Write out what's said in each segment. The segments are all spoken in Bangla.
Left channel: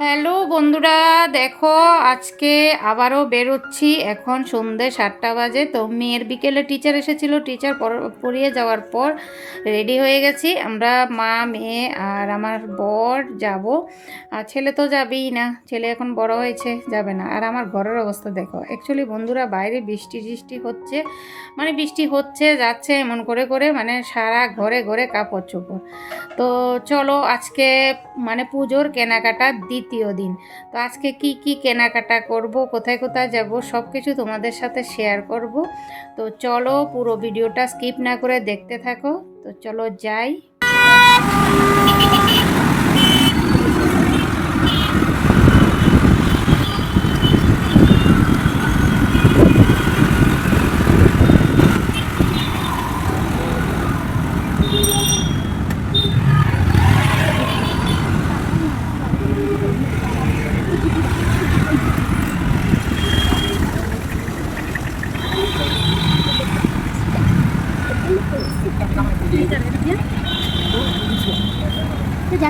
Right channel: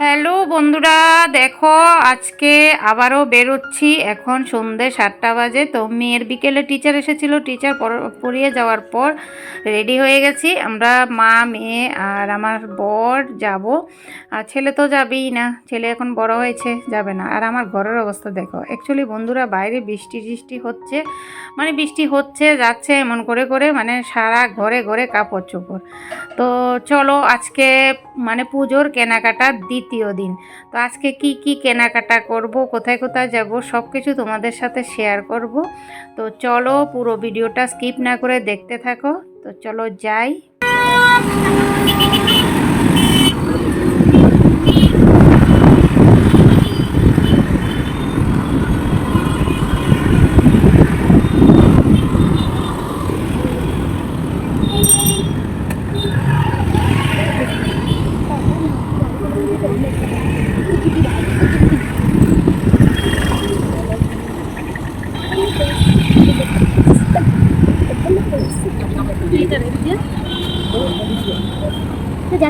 হ্যালো বন্ধুরা, দেখো আজকে আবারও বেরোচ্ছি। এখন সন্ধে সাতটা বাজে, তো মেয়ের বিকেলে টিচার এসেছিল। টিচার পড়িয়ে যাওয়ার পর রেডি হয়ে গেছি। আমরা মা, মেয়ে আর আমার বর যাব। আর ছেলে তো যাবেই না, ছেলে এখন বড় হয়েছে, যাবে না। আর আমার ঘরের অবস্থা দেখো অ্যাকচুয়ালি বন্ধুরা বাইরে বৃষ্টি টিষ্টি হচ্ছে মানে বৃষ্টি হচ্ছে, যাচ্ছে এমন করে করে মানে সারা ঘরে ঘরে কাপড় চোপড়। তো চলো আজকে মানে পুজোর কেনাকাটা দ্বিতীয় দিন। তো আজকে কি কি কেনাকাটা করব, কোথায় কোথায় যাব সব কিছু তোমাদের সাথে শেয়ার করব। তো চলো পুরো ভিডিওটা স্কিপ না করে দেখতে থাকো। তো চলো যাই।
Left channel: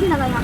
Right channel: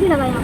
在哪里？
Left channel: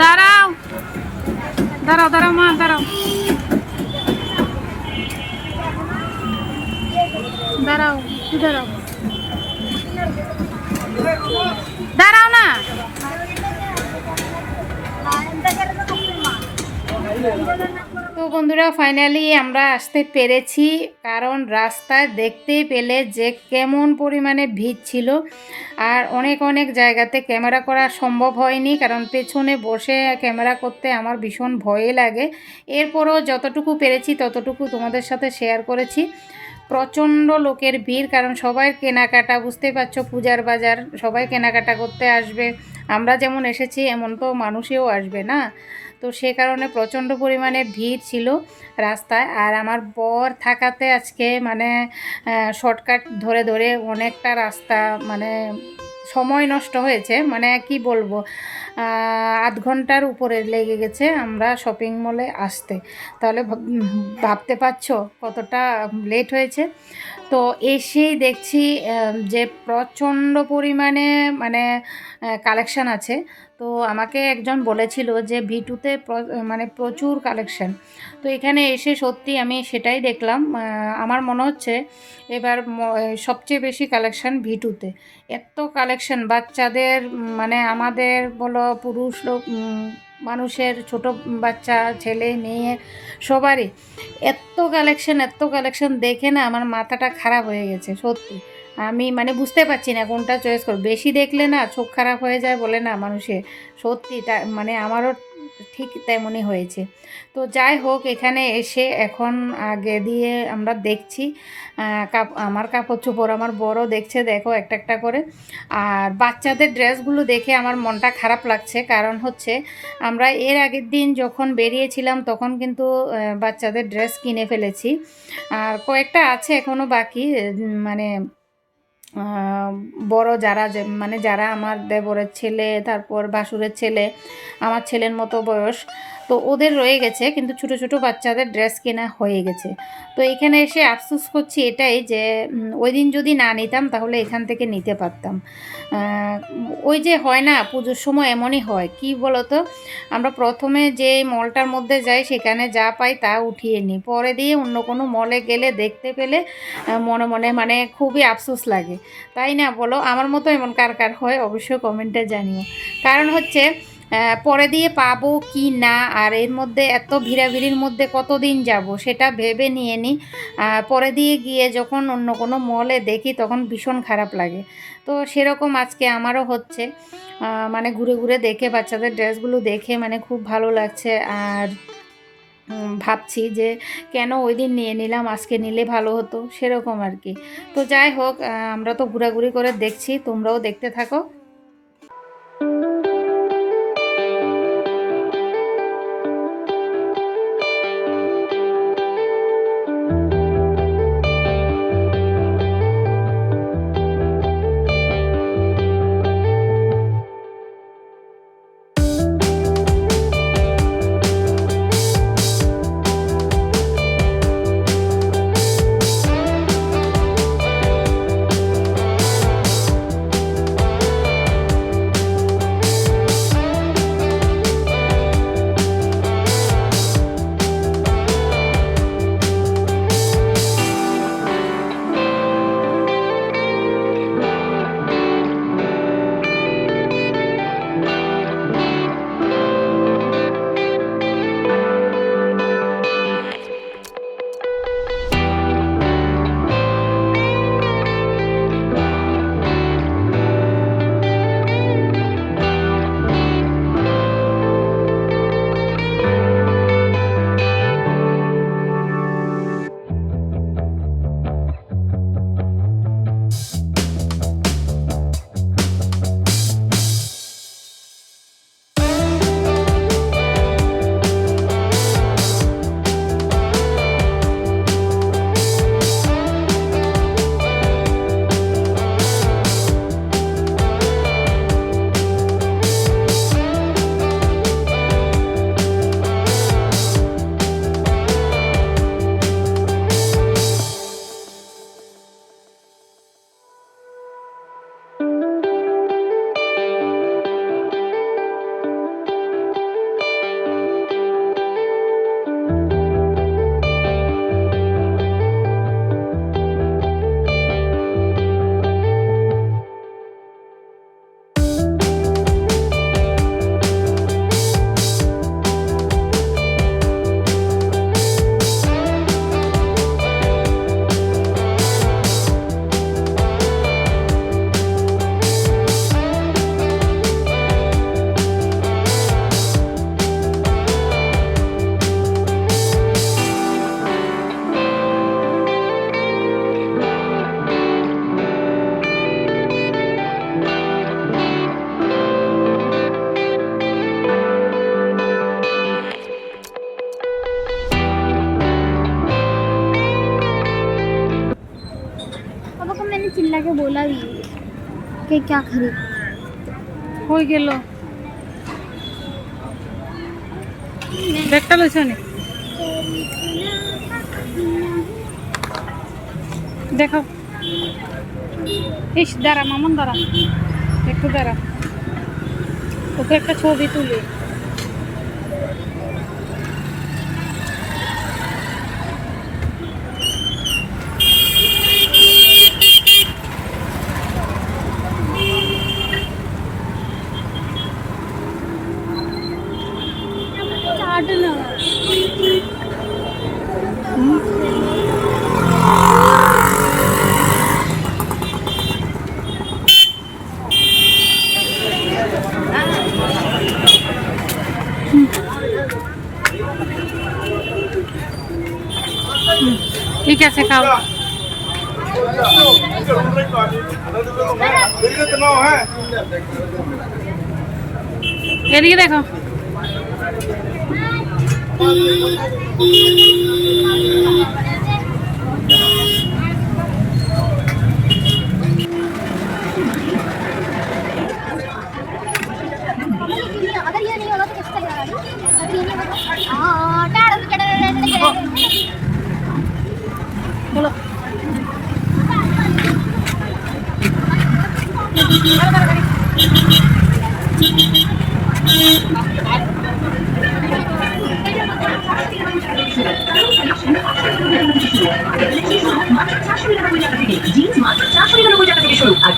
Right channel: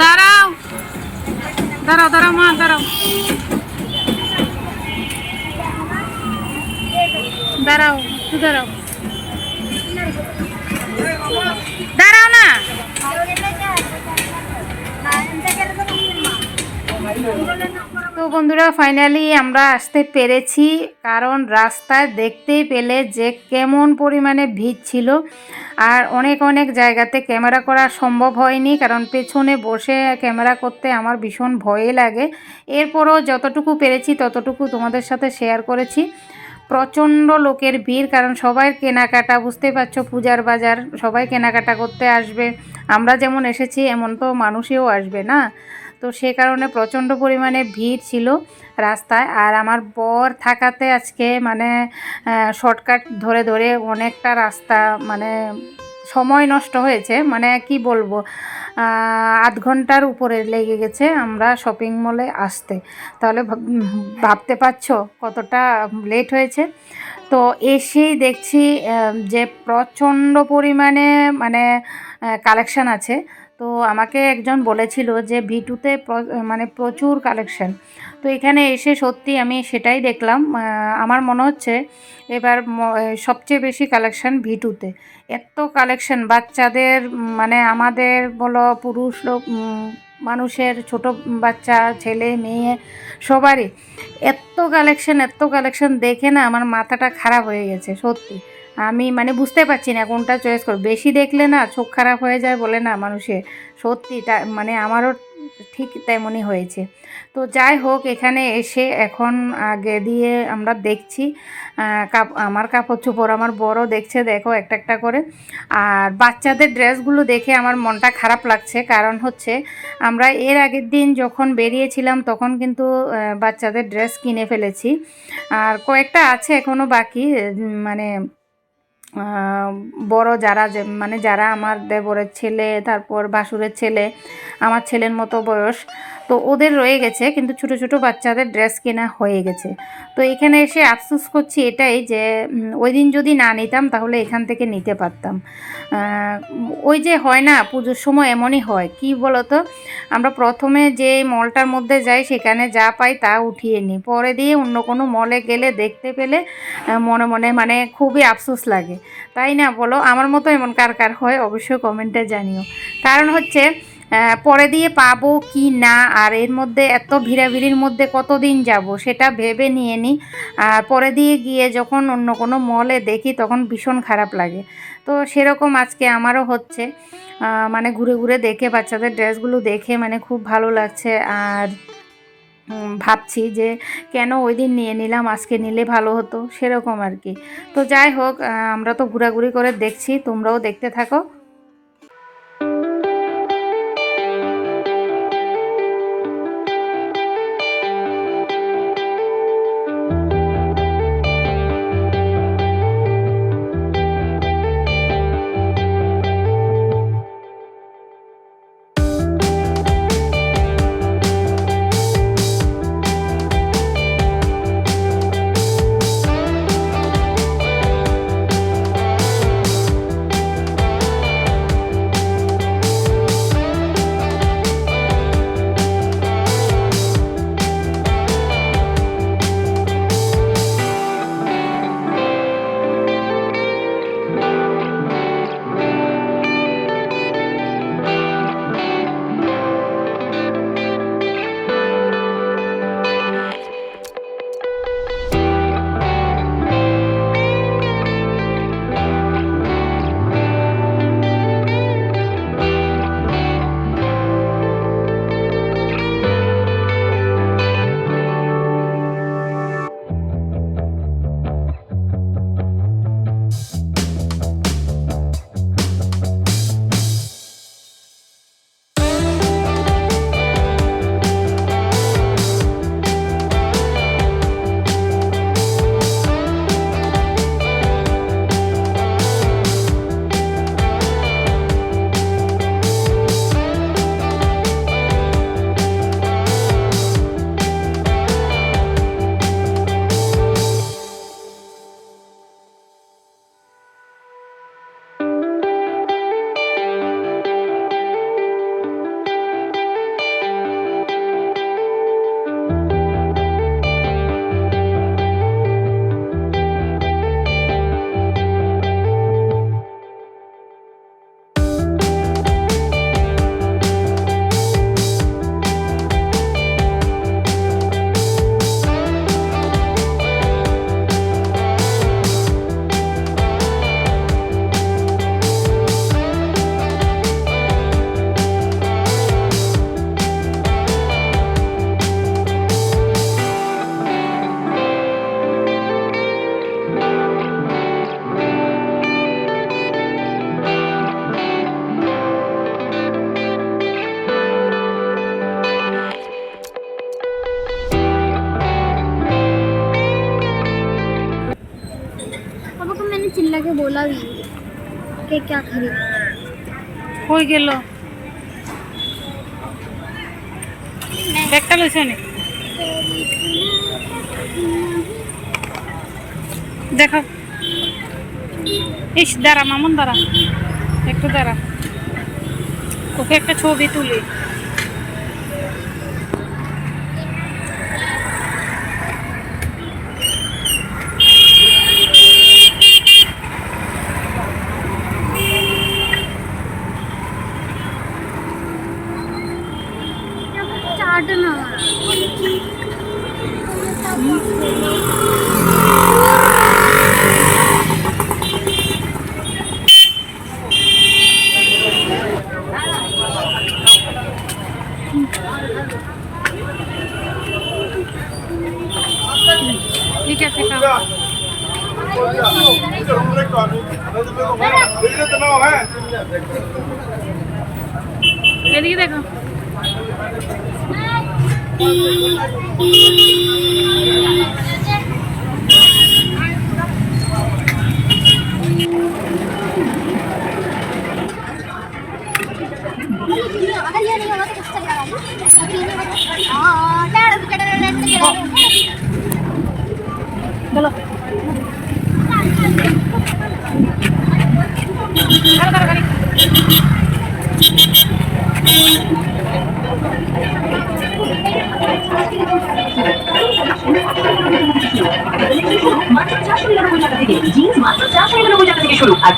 দাঁড়াও। দাঁড়াও দাঁড়াও মা দাঁড়াও। দাঁড়াও একটু দাঁড়াও। দাঁড়াও না। তো বন্ধুরা ফাইনালি আমরা আসতে পেরেছি, কারণ রাস্তায় দেখতেই পেলে যে কেমন পরিমাণে ভিড় ছিল। আর অনেক অনেক জায়গাতে ক্যামেরা করা সম্ভব হয়নি, কারণ পেছনে বসে ক্যামেরা করতে আমার ভীষণ ভয়ে লাগে। এরপরও যতটুকু পেরেছি, ততটুকু তোমাদের সাথে শেয়ার করেছি। প্রচণ্ড লোকের ভিড়, কারণ সবাই কেনাকাটা, বুঝতেই পারছ, পূজার বাজার, সবাই কেনাকাটা করতে আসবে। আমরা যেমন এসেছি, এমন তো মানুষেও আসবে না। তো সে কারণে প্রচণ্ড পরিমাণে ভিড় ছিল রাস্তায়। আর আমার বর থাকাতে আজকে মানে শর্টকাট ধরে ধরে অনেকটা রাস্তা মানে সময় নষ্ট হয়েছে। মানে কি বলব আধ ঘণ্টার উপরে লেগে গেছে আমরা শপিং মলে আসতে। তাহলে ভাব- ভাবতে পারছ কতটা লেট হয়েছে? তো এসেই দেখছি যে প্রচণ্ড পরিমাণে মানে কালেকশান আছে। তো আমাকে একজন বলেছিল যে ভিটুতে মানে প্রচুর কালেকশন। তো এখানে এসে সত্যি আমি সেটাই দেখলাম। আমার মনে হচ্ছে এবার সবচেয়ে বেশি কালেকশন ভিটুতে এত কালেকশন, বাচ্চাদের মানে আমাদের বলো পুরুষ লোক মানুষের, ছোট বাচ্চা, ছেলে, মেয়ে, সবারই এত কালেকশন এত কালেকশন দেখে না আমার মাথাটা খারাপ হয়ে গেছে, সত্যি। আমি মানে বুঝতে পারছি না কোনটা চয়েস করব। বেশি দেখলে না চোখ খারাপ হয়ে যায় বলে না মানুষের। সত্যি তা মানে আমারও ঠিক তেমনই হয়েছে। তো যাই হোক, এখানে এসে এখন আগে দিয়ে আমরা দেখছি কাপ, আমার কাপড় চোপড়, আমার বড় দেখছে, দেখো একটা একটা করে। আর বাচ্চাদের ড্রেসগুলো দেখে আমার মনটা খারাপ লাগছে। কারণ হচ্ছে, আমরা এর আগের দিন যখন বেরিয়েছিলাম, তখন কিন্তু বাচ্চাদের ড্রেস কিনে ফেলেছি। আর কয়েকটা আছে এখনও বাকি মানে বড় যারা যে মানে যারা আমার দেবরের ছেলে, তারপর বাসুরের ছেলে, আমার ছেলের মতো বয়স তো ওদের রয়ে গেছে, কিন্তু ছোট ছোট বাচ্চাদের ড্রেস কেনা হয়ে গেছে। তো এখানে এসে আফসোস করছি এটাই যে ওই দিন যদি না নিতাম তাহলে এখান থেকে নিতে পারতাম। ওই যে হয় না, পুজোর সময় এমনই হয়। কি বলতো? আমরা প্রথমে যে মলটার মধ্যে যাই, সেখানে যা পাই তা উঠিয়ে নিই। পরে দিয়ে অন্য কোনো মলে গেলে দেখতে পেলে মনে মনে মানে খুবই আফসোস লাগে। তাই না বলো? আমার মতো এমন কার কার হয়? অবশ্যই কমেন্টে জানিও। কারণ হচ্ছে পরে দিয়ে পাবো কি না? আর এর মধ্যে এত ভিড়াভিড়ির মধ্যে কতদিন যাব? সেটা ভেবে নিয়ে নিই পরে দিয়ে গিয়ে যখন অন্য কোনো মলে দেখি, তখন ভীষণ খারাপ লাগে। তো সেরকম আজকে আমারও হচ্ছে। মানে ঘুরে ঘুরে দেখে, বাচ্চাদের ড্রেসগুলো দেখে মানে খুব ভালো লাগছে। আর ভাবছি যে কেন ওই দিন নিয়ে নিলাম, আজকে নিলে ভালো হতো? সেরকম আর কি। তো যাই হোক আমরা তো ঘোরাঘুরি করে দেখছি, তোমরাও দেখতে থাকো। कि क्या खरीद হয়ে গেল ব্যাগটা লইছ নি দেখো ইস দাঁড়া মামুন দাঁড়া একটু দাঁড়া ওকে একটা ছবি তুলি এদিকে দেখো Thank you.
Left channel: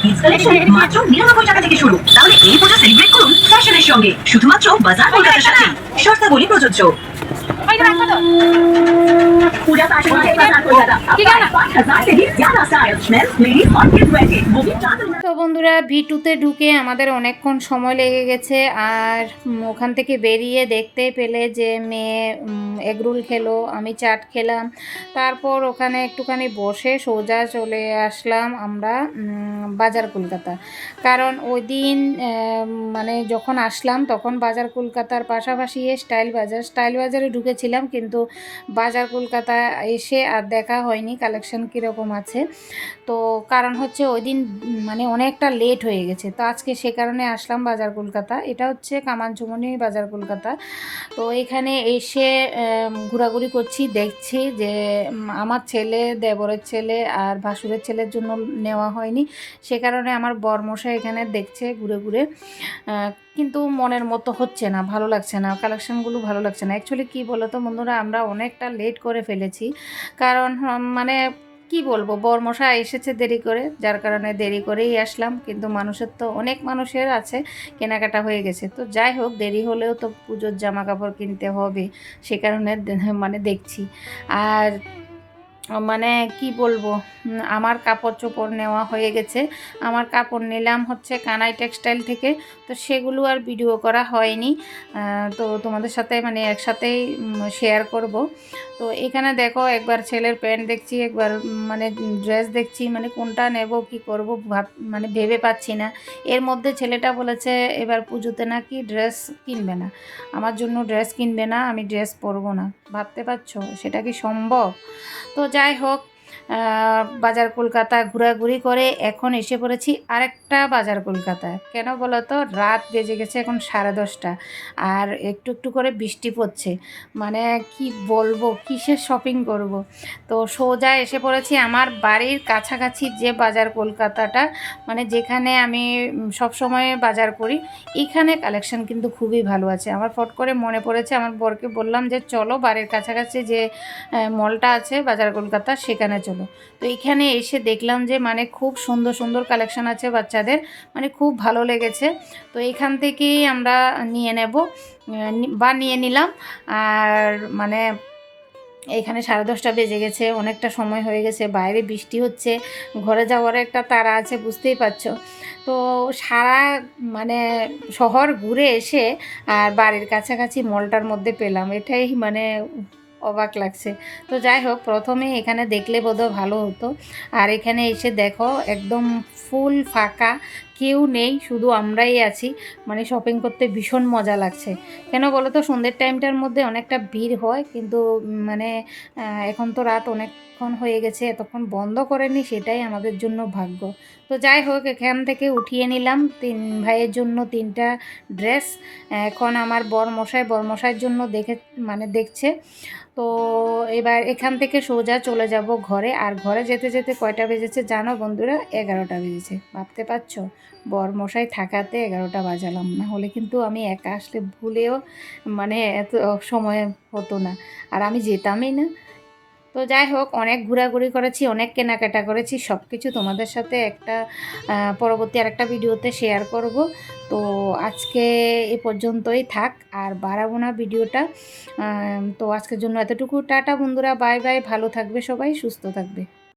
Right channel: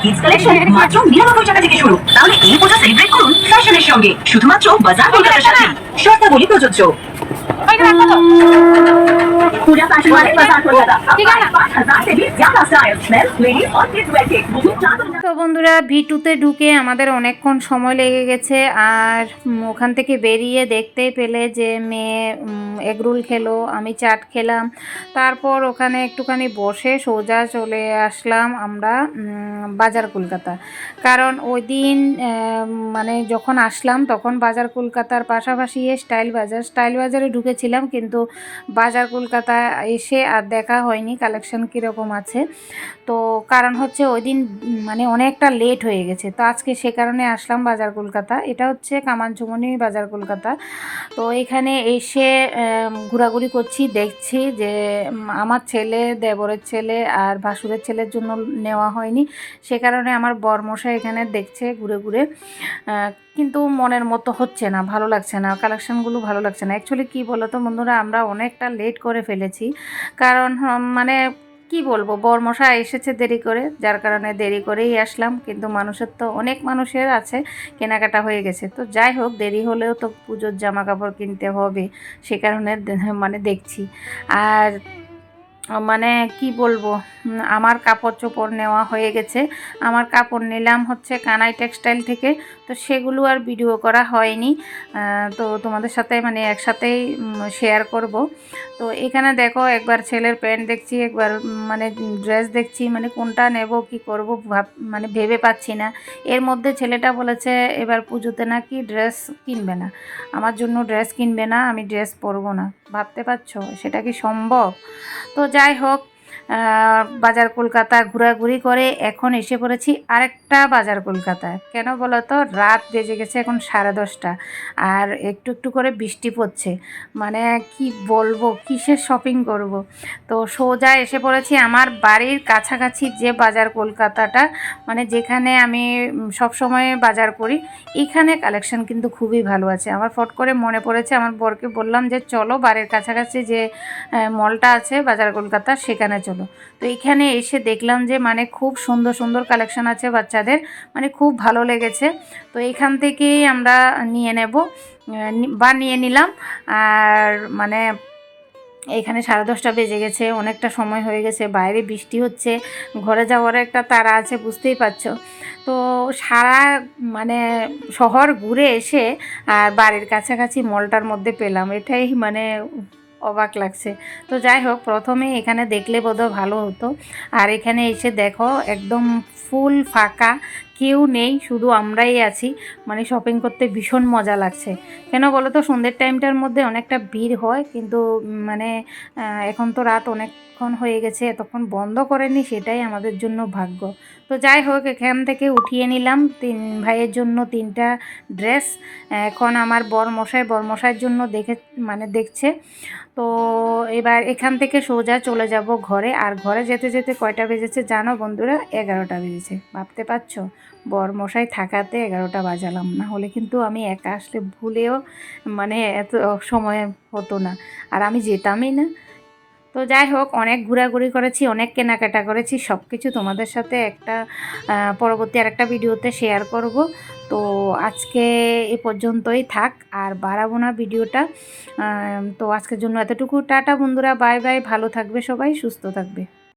কিডস কালেকশন মাত্র নিরানব্বই টাকা থেকে শুরু। তাহলে এই পূজা সেলিব্রেট করুন ফ্যাশনের সঙ্গে। শুধুমাত্র বাজার কলকাতার সাথে শর্তাবলী প্রযোজ্য। पूजा फैशन वाले बाजार कोलकाता अब ठीक है ना? पाँच हजार से भी ज्यादा स्टाइल मेंस लेडीज और किड्स वेयर के बुकिंग चार्ज তো বন্ধুরা ভিটুতে ঢুকে আমাদের অনেকক্ষণ সময় লেগে গেছে আর উম, ওখান থেকে বেরিয়ে দেখতে পেলে যে মেয়ে এগরোল খেলো আমি চাট খেলাম তারপর ওখানে একটুখানি বসে সোজা চলে আসলাম আমরা উম, বাজার কলকাতা কারণ ওই দিন আহ, মানে যখন আসলাম তখন বাজার কলকাতার পাশাপাশি স্টাইল বাজার স্টাইল বাজারে ঢুকেছিলাম কিন্তু বাজার কলকাতা এসে আর দেখা হয়নি কালেকশন কীরকম আছে। তো কারণ হচ্ছে ওই দিন মানে অনেকটা লেট হয়ে গেছে। তো আজকে সে কারণে আসলাম বাজার কলকাতা। এটা হচ্ছে কামানচুমনি বাজার কলকাতা। তো এখানে এসে ঘোরাঘুরি করছি, দেখছি যে আমার ছেলে, দেবরের ছেলে আর ভাসুরের ছেলের জন্য নেওয়া হয়নি। সে কারণে আমার বরমশাই এখানে দেখছে ঘুরে ঘুরে। কিন্তু মনের মতো হচ্ছে না, ভালো লাগছে না কালেকশনগুলো ভালো লাগছে না। অ্যাকচুয়ালি কী বলো তো বন্ধুরা, আমরা অনেকটা লেট করে ফেলেছি। কারণ মানে কি বলব বরমশা এসেছে দেরি করে, যার কারণে দেরি করেই আসলাম। কিন্তু মানুষের তো অনেক মানুষের আছে, কেনাকাটা হয়ে গেছে। তো যাই হোক, দেরি হলেও তো পুজোর জামা কাপড় কিনতে হবে, সে কারণে মানে দেখছি। আর মানে কি বলব আমার কাপড় চোপড় নেওয়া হয়ে গেছে। আমার কাপড় নিলাম হচ্ছে কানাই টেক্সটাইল থেকে, তো সেগুলো আর ভিডিও করা হয়নি। তো তোমাদের সাথে মানে একসাথেই শেয়ার করব। তো এখানে দেখো একবার ছেলের প্যান্ট দেখছি, একবার মানে ড্রেস দেখছি মানে কোনটা নেব, কি করব, ভাব মানে ভেবে পাচ্ছি না। এর মধ্যে ছেলেটা বলেছে, এবার পুজোতে নাকি ড্রেস কিনবে না। আমার জন্য ড্রেস কিনবে না, আমি ড্রেস পরবো না। ভাবতে পারছ? সেটা কি সম্ভব? তো যাই হোক বাজার কলকাতা ঘোরাঘুরি করে এখন এসে পড়েছি আরেকটা বাজার কলকাতায়। কেন বলো তো রাত বেজে গেছে এখন সাড়ে দশটা আর একটু একটু করে বৃষ্টি পড়ছে। মানে কি বলব? কিসের শপিং করব? তো সোজা এসে পড়েছি আমার বাড়ির কাছাকাছি যে বাজার কলকাতাটা মানে যেখানে আমি সব সময় বাজার করি, এখানে কালেকশন কিন্তু খুবই ভালো আছে। আমার ফট করে মনে পড়েছে, আমার বরকে বললাম যে, চলো বাড়ির কাছাকাছি যে মলটা আছে বাজার কলকাতা, সেখানে চলো। তো এখানে এসে দেখলাম যে মানে খুব সুন্দর সুন্দর কালেকশন আছে বাচ্চাদের মানে খুব ভালো লেগেছে। তো এখান থেকেই আমরা নিয়ে নেব বা নিয়ে নিলাম। আর মানে এখানে সাড়ে দশটা বেজে গেছে, অনেকটা সময় হয়ে গেছে, বাইরে বৃষ্টি হচ্ছে, ঘরে যাওয়ার একটা তারা আছে, বুঝতেই পারছ। তো সারা মানে শহর ঘুরে এসে, আর বাড়ির কাছাকাছি মলটার মধ্যে পেলাম। এটাই মানে অবাক লাগছে। তো যাই হোক প্রথমে এখানে দেখলে বোধহয় ভালো হতো। আর এখানে এসে দেখো, একদম ফুল ফাঁকা, কেউ নেই, শুধু আমরাই আছি। মানে শপিং করতে ভীষণ মজা লাগছে। কেন বলো তো, সন্ধ্যের টাইমটার মধ্যে অনেকটা ভিড় হয়, কিন্তু মানে এখন তো রাত অনেকক্ষণ হয়ে গেছে, এতক্ষণ বন্ধ করেনি, সেটাই আমাদের জন্য ভাগ্য। তো যাই হোক, এখান থেকে উঠিয়ে নিলাম তিন ভাইয়ের জন্য তিনটা ড্রেস। এখন আমার বরমশাই বরমশাইয়ের জন্য দেখে মানে দেখছে। তো এবার এখান থেকে সোজা চলে যাব ঘরে। আর ঘরে যেতে যেতে কয়টা বেজেছে জানো বন্ধুরা? এগারোটা বেজেছে। ভাবতে পারছ? বরমশাই থাকাতে এগারোটা বাজালাম। না হলে কিন্তু আমি একা আসলে ভুলেও মানে এত সময় হতো না। আর আমি যেতামই না। তো যাই হোক, অনেক ঘোরাঘুরি করেছি, অনেক কেনাকাটা করেছি। সব কিছু তোমাদের সাথে একটা পরবর্তী আর একটা ভিডিওতে শেয়ার করব। তো আজকে এ পর্যন্তই থাক, আর বাড়াবো না ভিডিওটা। তো আজকের জন্য এতটুকু। টাটা বন্ধুরা, বাই বাই, ভালো থাকবে সবাই, সুস্থ থাকবে।